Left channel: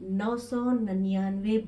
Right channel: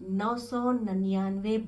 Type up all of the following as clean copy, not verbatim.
999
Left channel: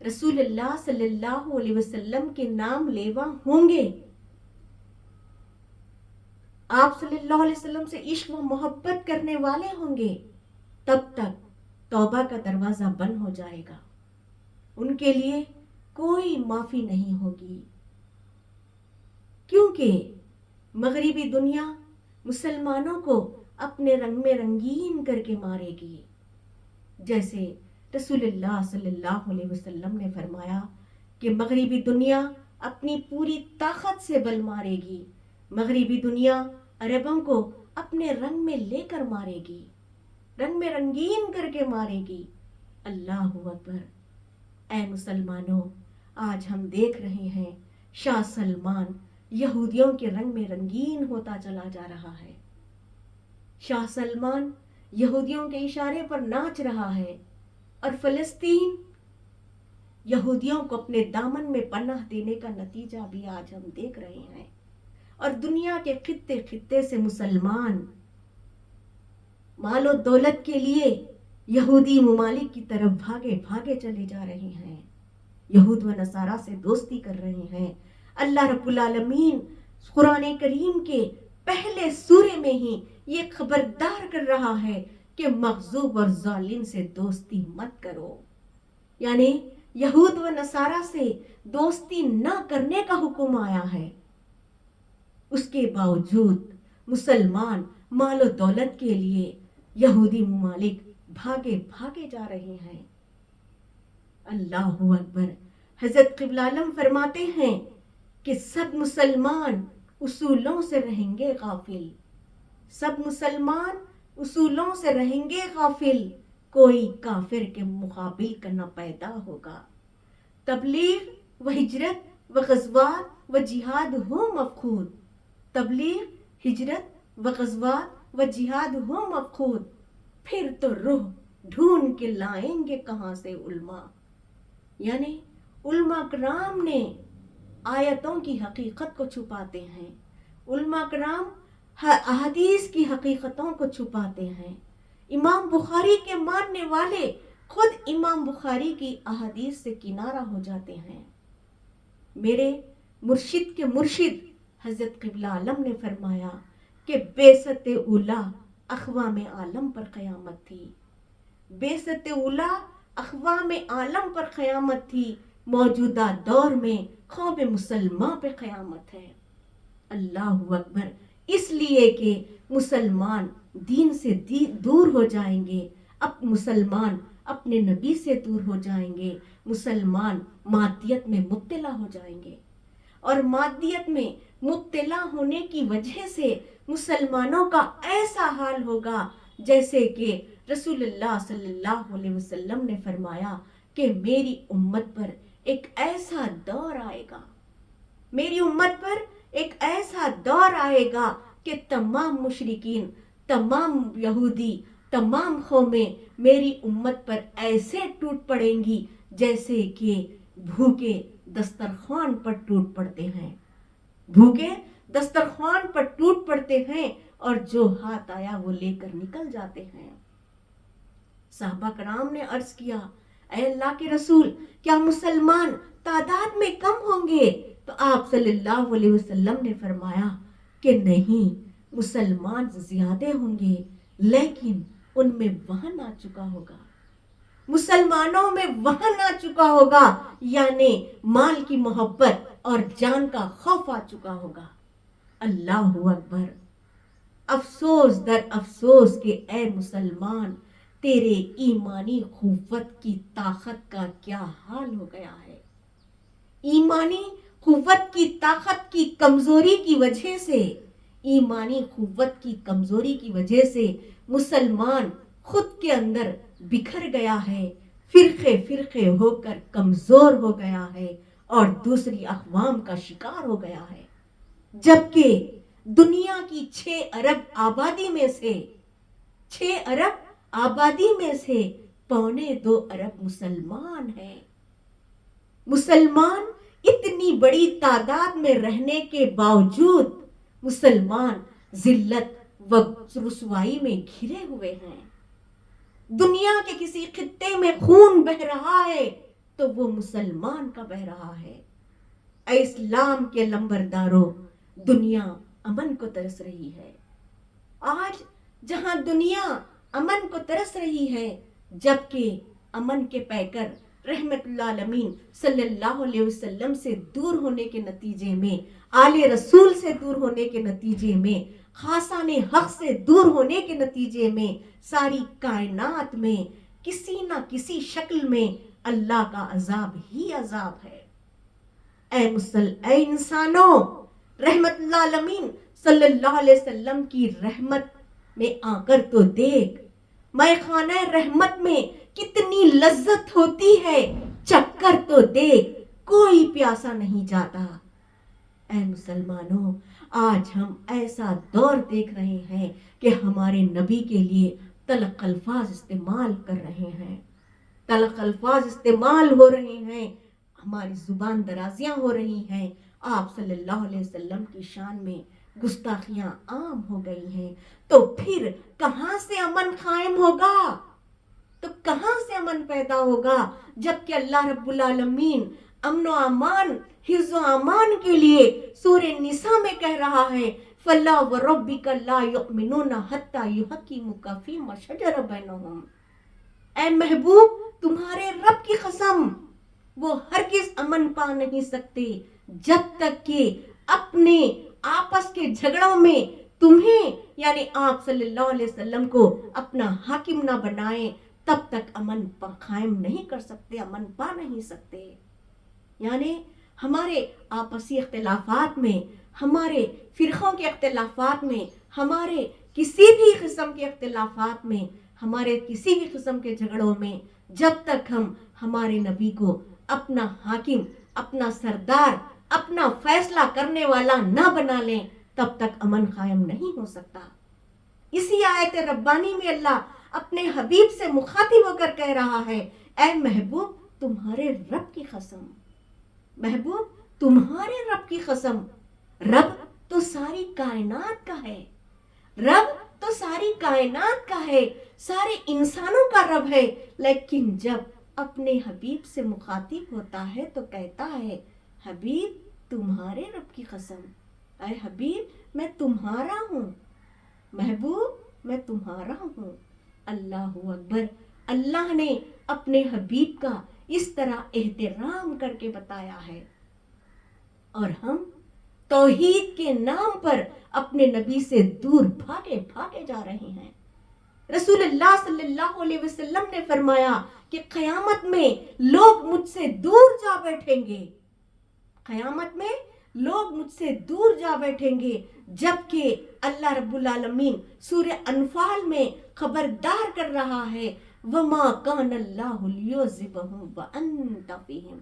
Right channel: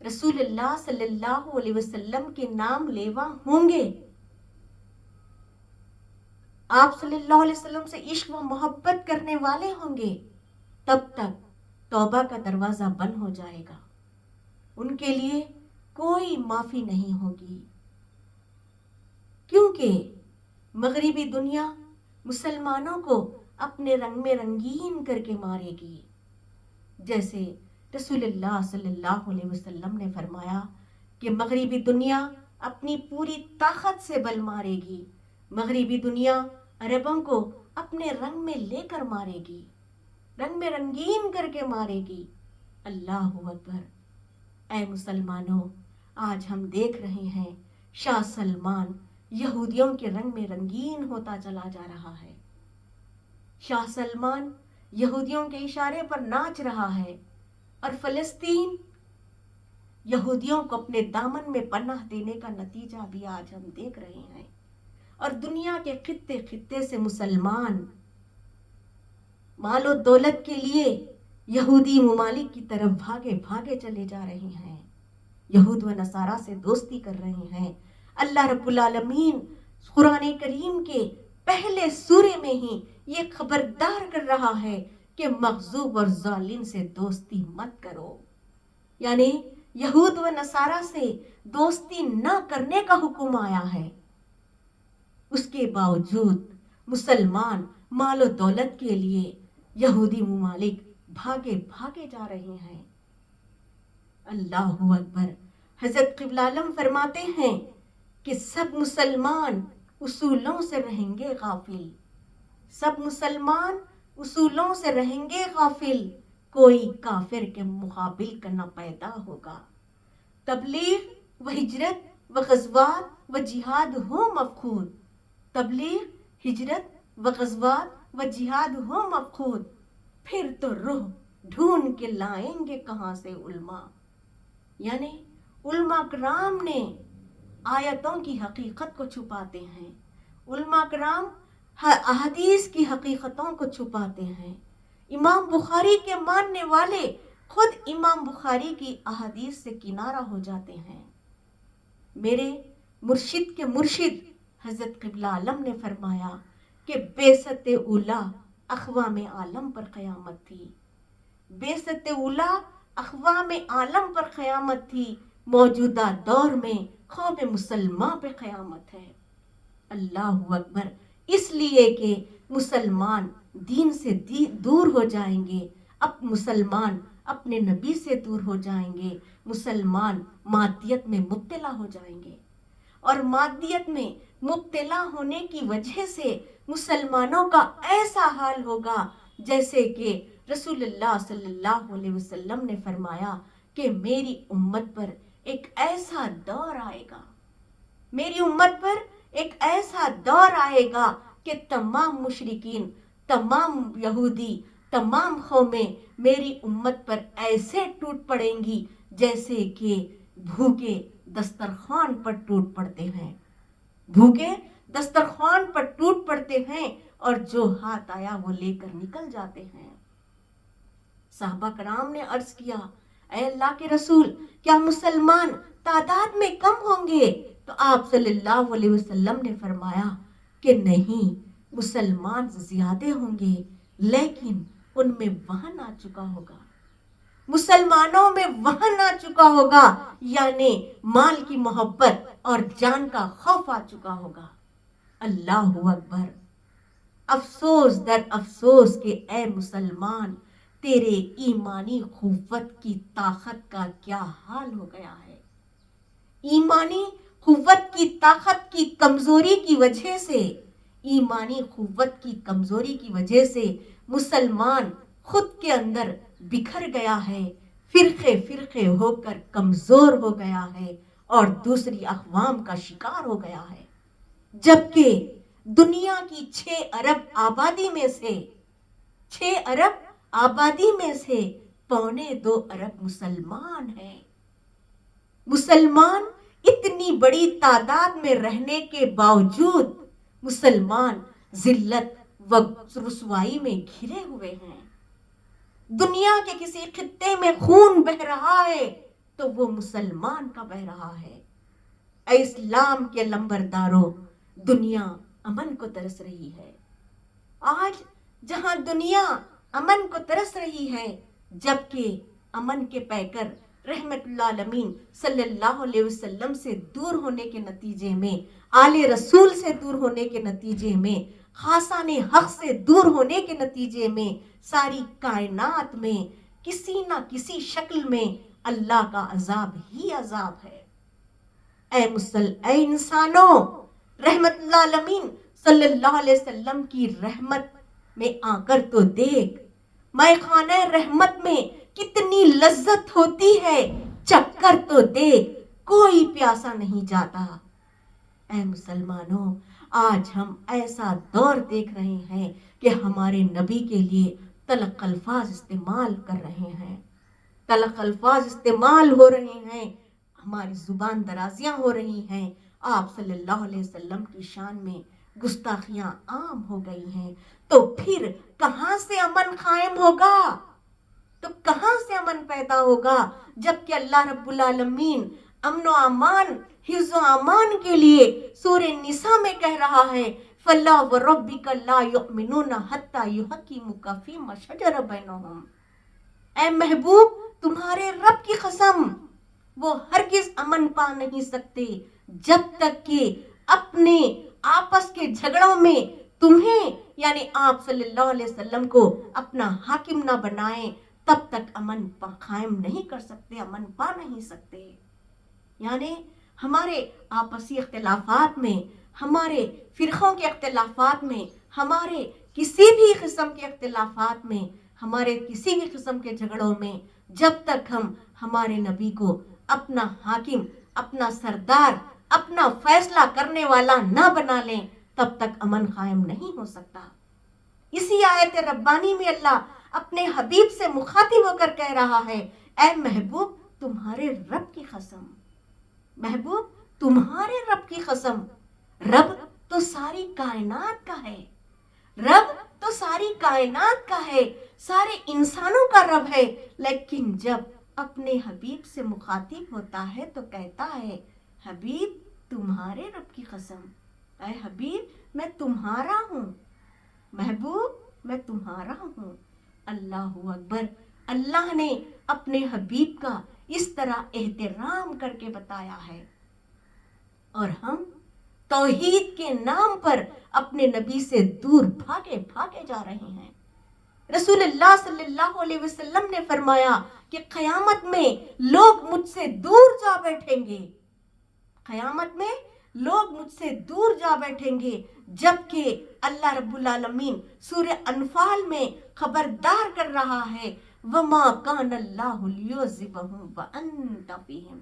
رسول اللہ صلی اللہ علیہ وسلم کے نام لیوا ہوں گے، آپ صلی اللہ علیہ وسلم سے عشق و محبت کرنے والے ہوں گے، تب تک توبہ کا دروازہ بند ہو جائے گا، ان کے لیے کوئی معافی نہیں ہوگی، کیونکہ مغربی دنیا مسلمانوں کو اپنے رنگ میں رنگین کر کے مارے گی، جیسے رسول اللہ صلی اللہ علیہ وسلم نے فرمایا کہ مغربی دنیا اپنی پوری طاقت سے بل مارے گی، مغربی دنیا عربوں کو اپنے رنگ میں لے کر مارے گی، رنگ میں رنگین کر کے مارے گی۔ اللہ اکبر۔ اے مسلمانوں، آج ہم دیکھ رہے ہیں شاہ سلمان یہودیوں کے رنگ میں رنگین ہوتا چلا جا رہا ہے، شاہ سلمان یہودیوں کے اشارے پر ناچ رہا ہے، اور فلسطین یہودیوں کو اپنے دامن میں پناہ دینے کا نتیجہ بھی آج ہم دیکھ رہے ہیں، اور دنیا کے خطے خطے سے مسلمان مال و دولت کے لیے یہودی ممالک کی طرف بھاگے بھاگے چلے جا رہے ہیں، یہود و نصارہ سے دوستی کر رہے ہیں۔ اللہ رب العالمین قرآن کریم کے پہلے سورے میں ہی یہ خبردار کر رہا ہے کہ مغضوب اور ظالم سے دوستی مت کرو، یعنی یہود و نصارہ سے دوستی نہ کرنے کا حکم آیا ہے۔ اس کے باوجود مسلمان مال و دولت کے لیے یہودی ممالک بھاگے بھاگے جا رہے ہیں۔ اللہ اکبر۔ حضرت قبلہ عالم فرماتے ہیں کہ سب مسلمان اصولوں سے رہیں گے غافل، سب مسلمان اصولوں سے رہیں گے غافل، کوئی کافر کے مقابل کا نہ پیدا ہوگا۔ تبلیغ و ہجرت و غزوات و جہاد ہو مفقود، تبلیغ، ہجرت و غزوات و جہاد ہو مفقود، پھر تو روح ڈھونڈ کے لائیں گے کہاں سے علماء، یعنی علماء کرام نے آیتوں کی حقیقت کو چھپاتے ہیں، علماء کرام احادیث کی حقیقتوں کو چھپاتے ہیں۔ امام بخاری کے ماننے والے خود امام بخاری کی احادیث سے کنارہ ہو جاتے ہیں۔ میرے مرشد کے مرشد حضرت قبلہ عالم نے فرمایا کہ بعثت اولیٰ اقوام عالم پر قیامت تھی، بعثت اولیٰ اقوام عالم پر قیامت تھی، موجودہ دور میں قوم مسلمہ پہ قیامت ہے۔ اللہ اکبر۔ اس لیے کہ مسلمان دین سے دور ہو جائیں گے، اب مسلمان اپنے نبی سے دور ہو جائیں گے، مسلمان مادیت میں مبتلا ہو جائیں گے، اور مادیت میں مبتلا ہونے کی وجہ سے مسلمانوں کا ایسا حال ہوگا جیسے کہ رسول اللہ صلی اللہ علیہ وسلم نے فرمایا کہ میری امت پر ایک ایسا دور آئے گا، میری امت پر ایک ایسا دور آئے گا کہ تمام مشرکین، تمام یہودی، تمام قومیں میری امت پر ایسے ٹوٹ پڑیں گی جیسے کہ بھوکے دسترخوان پر ٹوٹ پڑتے ہیں، بھوکے دسترخوان پر ٹوٹ پڑتے ہیں، اور جو ہاتھ آیا وہ لے کر نکل جاتے ہیں۔ صحابہ کرام نے عرض کیا، اے اللہ کے رسول، کیا مسلمان تعداد میں کم ہوں گے؟ تو آپ صلی اللہ علیہ وسلم نے فرمایا کہ نہیں، مسلمان زیادہ ہوں گے، لیکن ان میں وہن آ چکا ہوگا، مسلمانوں میں وہن آ چکا ہوگا، یعنی مال کی محبت اور جان کا خوف آ چکا ہوگا۔ اللہ اکبر۔ افسوس در افسوس کہ اے مسلمان، تیرے ایمانی قوت کی طاقت کا کیا حال ہو گیا ہے۔ ایمانی قوت کی طاقت کی کمزوری کی وجہ سے، ایمانی قوت کی کمزوری کی وجہ سے مسلمان خود کے اندر بکھر گیا ہے، فرقے فرقے ہو کر کمزور ہو گیا ہے، اور دوسری اقوام کا شکار ہو گیا ہے، جبکہ دنیا کی 6 ارب آبادی میں سے 6 ارب آبادی میں سے 2.25 ارب مسلمان ہیں۔ مسلمان اتنی بڑی تعداد میں رہنے کے باوجود مسلمان ذلت و رسوائی میں گھرے ہوئے ہیں۔ دنیا کے کسی خطے میں خون بہہ رہا ہے تو وہ مسلمان کا بہ رہا ہے۔ اے اسلام کے لمبرداروں، دنیا امن کو ترس رہی ہے۔ آج جہاں دنیا امن کو ترس رہی ہے، جبکہ امن کے پیکر رحمت اللہ عالمین صلی اللہ علیہ وسلم سے دور ہونے کے نتیجے میں، آل رسول سے دور ہونے کے نتیجے میں، خاصان حق سے دور ہونے کے نتیجے میں، ساری کائنات میں کسی نہ کسی شکل میں اللہ کا عذاب ہی عذاب ہے۔ اے انسانوں، رحمت اللہ عالمین صلی اللہ علیہ وسلم کی رحمت میں آ کر تو دیکھ، مے خانہ رحمت میں کتنی لذت ہوتی ہے، چکھ کر تو دیکھ، کوئی پیاسا نہیں جاتا۔ اے مسلمانوں، آج ہم ایسا دور دیکھ رہے ہیں کہ ہمارے نبی کے لیے تلخ الفاظ استعمال کر رہے ہیں، تلخ الفاظ استعمال ہو رہے ہیں، ہماری زبان درازیاں ہو رہی ہیں، آپ صلی اللہ علیہ وسلم کی شان میں گستاخیاں عام ہو گئی ہیں۔ تو پھر کہاں سے امن قائم ہوگا؟ تو کہاں سے امن پیدا ہوگا جبکہ اللہ رب العالمین امن و امان، حفظ و امان کے لیے سورہ نساء میں کہہ رہا ہے فَلَا وَرَبِّكَ لَا يُؤْمِنُونَ حَتَّى يُحَكِّمُوكَ فِيمَا شَجَرَ بَيْنَهُمْ۔ اے محبوب، تمہارے رب کی قسم، وہ ہرگز امن پا نہیں سکتے جب تک کہ اپنے آپس کے جھگڑوں میں تمہیں یعنی آپ صلی اللہ علیہ وسلم کو اپنا حاکم نہ بنائیں، تب تک امن قائم نہیں کر سکتے، امن پا نہیں سکتے۔ یعنی ہمارے آپسی اختلافات میں، ہمارے فرقوں کے اختلافات میں، ہمارے کسی بھی قسم کے اختلافات میں، ہمارے کسی بھی قسم کے جھگڑوں میں، جب تک ہم ہمارے نبی کو اپنا حاکم، اپنا سردار، اپنا فیصلہ کرنے والا نہ بنا لیں، تب تک امن قائم نہیں ہو سکتا۔ اسی آیت ربانی میں اللہ اپنے حبیب سے مخاطب ہو کر کہہ رہا ہے اے محبوب، تمہارے رب کی قسم، محبوب تمہارے رب کی قسم، رب تو ساری کائنات کا ہے، رب تو ساری کائنات کا ہے، سارے انسانوں کا رب ہے، لیکن جب اپنے حبیب سے مخاطب ہوتا ہے تو کہتا ہے حبیب تمہارے رب کی قسم، اے حبیب میں تمہارا ہوں، محبوب میں تمہارا ہوں۔ اللہ اکبر، اللہ نے اپنے حبیب کا اس طرح احترام کر کے بتایا ہے، اور ہم توحید کے نام پر اپنے نبی سے دور بھاگے جا رہے ہیں۔ رسول اللہ صلی اللہ علیہ وسلم نے فرمایا کہ قیامت میں لوگ مجھ سے دور جا بیٹھیں گے، قیامت میں لوگ مجھ سے دور جا بیٹھیں گے، جبکہ اللہ رب العالمین سورہ انفال میں خبردار کر رہا ہے وَمَا كَانَ اللَّهُ لِيُعَذِّبَهُمْ وَأَنْتَ فِيهِمْ،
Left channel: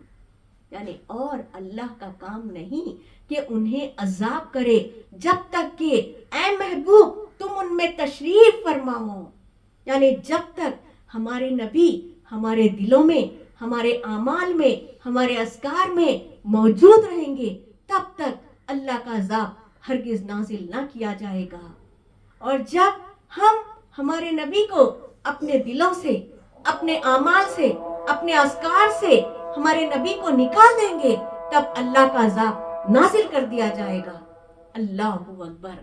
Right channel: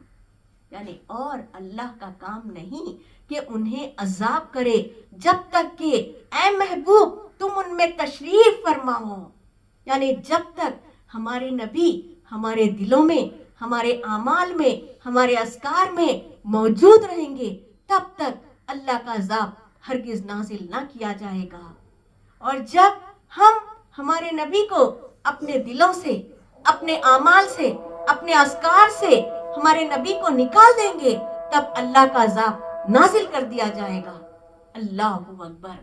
یعنی اور اللہ کا کام نہیں کہ انہیں عذاب کرے جب تک کہ اے محبوب تم ان میں تشریف فرما ہو، یعنی جب تک ہمارے نبی ہمارے دلوں میں، ہمارے اعمال میں، ہمارے اذکار میں موجود رہیں گے، تب تک اللہ کا عذاب ہرگز نازل نہ کیا جائے گا۔ اور جب ہم ہمارے نبی کو اپنے دلوں سے، اپنے اعمال سے، اپنے اذکار سے ہمارے نبی کو نکال دیں گے، تب اللہ کا عذاب نازل کر دیا جائے گا۔ اللہ اکبر۔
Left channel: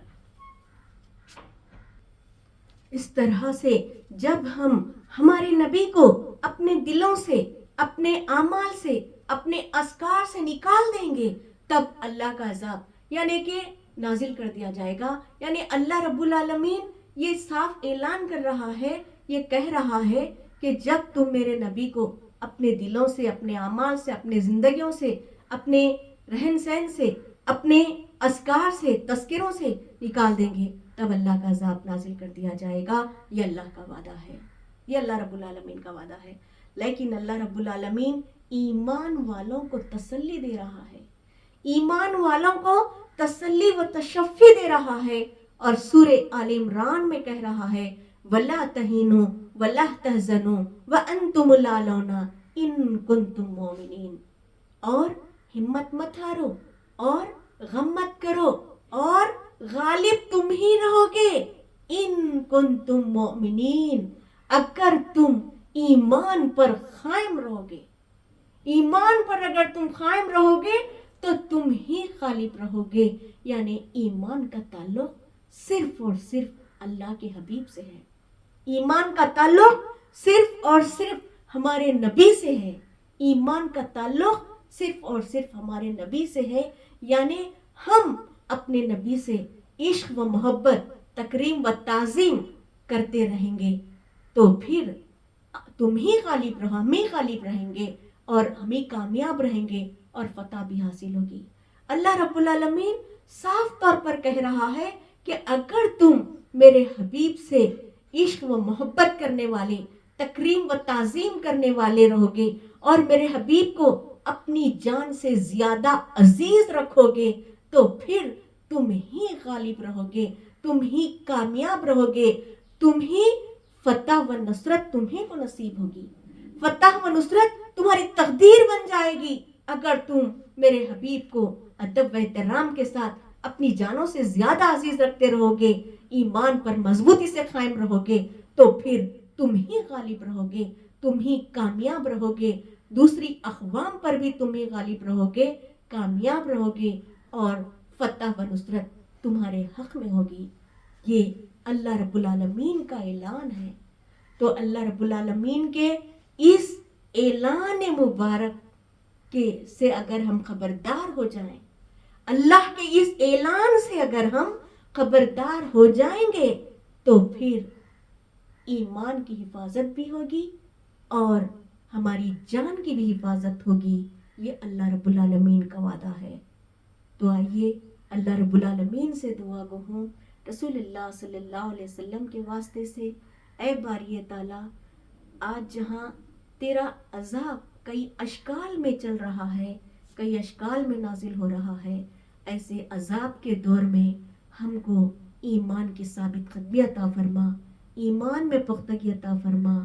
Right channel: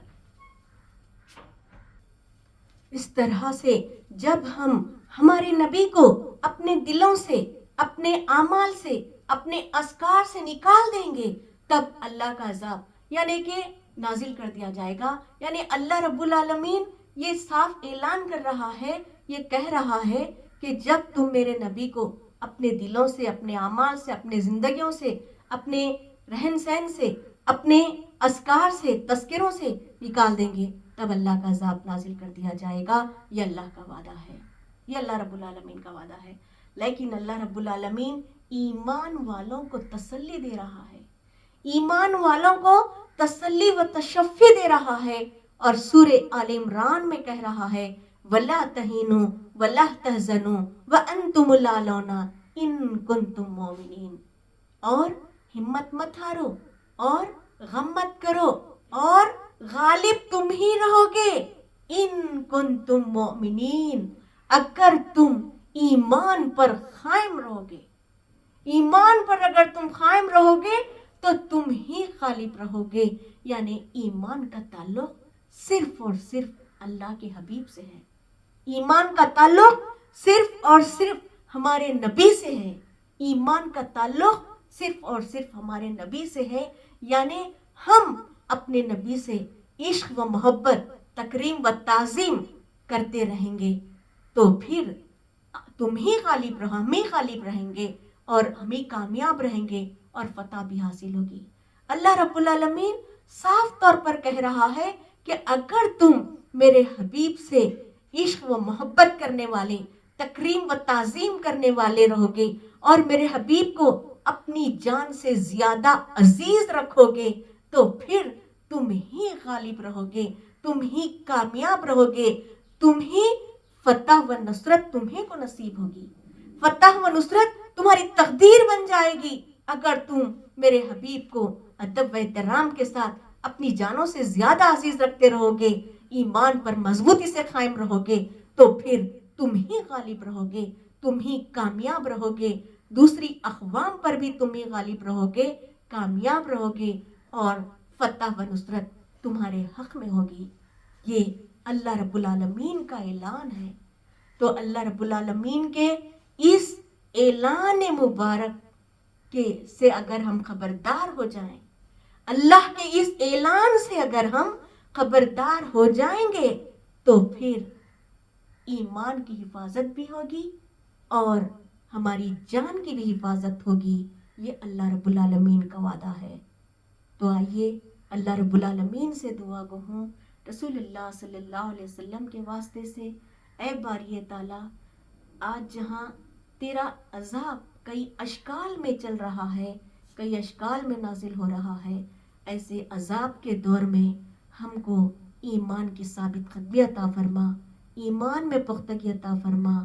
اس طرح سے جب ہم ہمارے نبی کو اپنے دلوں سے، اپنے اعمال سے، اپنے اذکار سے نکال دیں گے، تب اللہ کا عذاب یعنی کہ نازل کر دیا جائے گا۔ یعنی اللہ رب العالمین یہ صاف اعلان کر رہا ہے، یہ کہہ رہا ہے کہ جب تم میرے نبی کو اپنے دلوں سے، اپنے اعمال سے، اپنے زندگیوں سے، اپنے رہن سہن سے، اپنے اذکار سے، تذکروں سے نکال دیں گے، تب اللہ کا عذاب نازل کر دیا جائے گا۔ یہ اللہ کا وعدہ ہے، یہ اللہ رب العالمین کا وعدہ ہے۔ لیکن اللہ رب العالمین ایمان والوں کو تسلی دے رہا ہے، ایمان والوں کو تسلی و تشفی دے رہا ہے، اور سورہ آل عمران میں کہہ رہا ہے وَلَا تَهِنُوا وَلَا تَحْزَنُوا وَأَنْتُمُ الْأَعْلَوْنَ إِن كُنتُم مُؤْمِنِينَ، اور ہمت مت ہارو، اور غم مت کرو، اور غالب تم ہی رہو گے، ان کنتم مؤمنین، اگر تم ایمان پر قائم رہو گے، ایمان پر اگر تم قائم رہو گے تو تم ہی غالب رہو گے. یعنی ایمان کا تعلق صرف اور صرف اللہ کے حبیب سے ہے. ایمان کا تعلق صرف اور صرف ہمارے نبی سے ہے. ایمان کا تعلق صرف اور صرف ہمارے نبی سے ہے. یعنی ہم اپنے نبی سے عشق و محبت، تکریم و تعظیم کرتے رہیں گے تو پھر تم ہی غالب رہو، ہم ہی غالب رہیں گے اور ہم ہی کامیاب رہیں گے اور فتح بھی حاصل ہوگی. اللہ رب العالمین صاف طور پر کہہ رہا ہے کہ اگر تم میرے حبیب سے عشق و محبت کرنے والے، تکریم و تعظیم کرنے والے رہو گے اور میرے حبیب کو اپنی جان سے زیادہ عزیز رکھو گے تو پھر تم ہی غالب رہو گے، تم ہی کامیاب رہو گے، تم ہی فتح و نصرت تمہیں کو نصیب ہوگی. فتح و نصرت تمہاری تقدیر بن جائے گی اگر تم میرے حبیب کو ادب و احترام کے ساتھ اپنی جانوں سے زیادہ عزیز رکھتے رہو گے، ایمان پر مضبوطی سے قائم رہو گے تو پھر تم ہی غالب رہو گے، تم ہی کامیاب رہو گے، دوسری اقوام پر بھی تم ہی غالب رہو گے، کامیاب رہو گے اور فتح و نصرت تمہارے حق میں ہوگی. یہ اللہ رب العالمین کا اعلان ہے. تو اللہ رب العالمین کے اس اعلان مبارک سے اگر ہم خبردار ہو جائیں، اللہ کے اس اعلان سے اگر ہم خبردار ہو جائیں گے تو پھر ایمان کی حفاظت بھی ہوگی اور ہماری جان کی بھی حفاظت ہوگی. یہ اللہ رب العالمین کا وعدہ ہے. تو آئیے اللہ رب العالمین سے دعا گو ہوں رسول اللہ صلی اللہ علیہ وسلم کے واسطے سے، اے باری تعالیٰ، آج جہاں تیرا عذاب کئی اشکال میں چل رہا ہے، کئی اشکال میں نازل ہو رہا ہے، ایسے عذاب کے دور میں ہم کو ایمان کی ثابت قدمی عطا فرما، ایمان میں پختگی عطا فرما،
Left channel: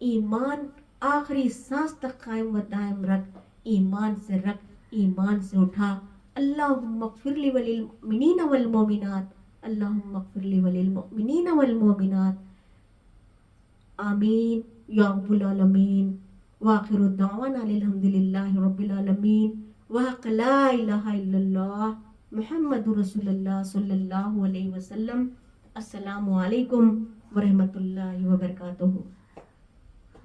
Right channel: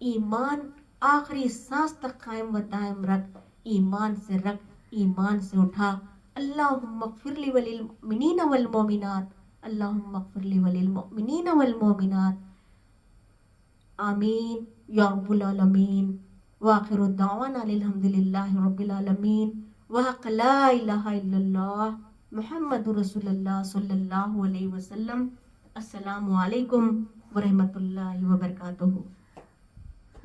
ایمان آخری سانس تک قائم و دائم رکھ، ایمان سے رکھ، ایمان سے اٹھا. اللہم اغفر لی وللمؤمنین والمؤمنات، اللہم اغفر لی وللمؤمنین والمؤمنات. آمین یا رب العالمین. وآخر الدعوانا الحمدللہ رب العالمین. وحق لا الہ الا اللہ محمد رسول اللہ صلی اللہ علیہ وسلم. السلام علیکم ورحمۃ اللہ وبرکاتہ.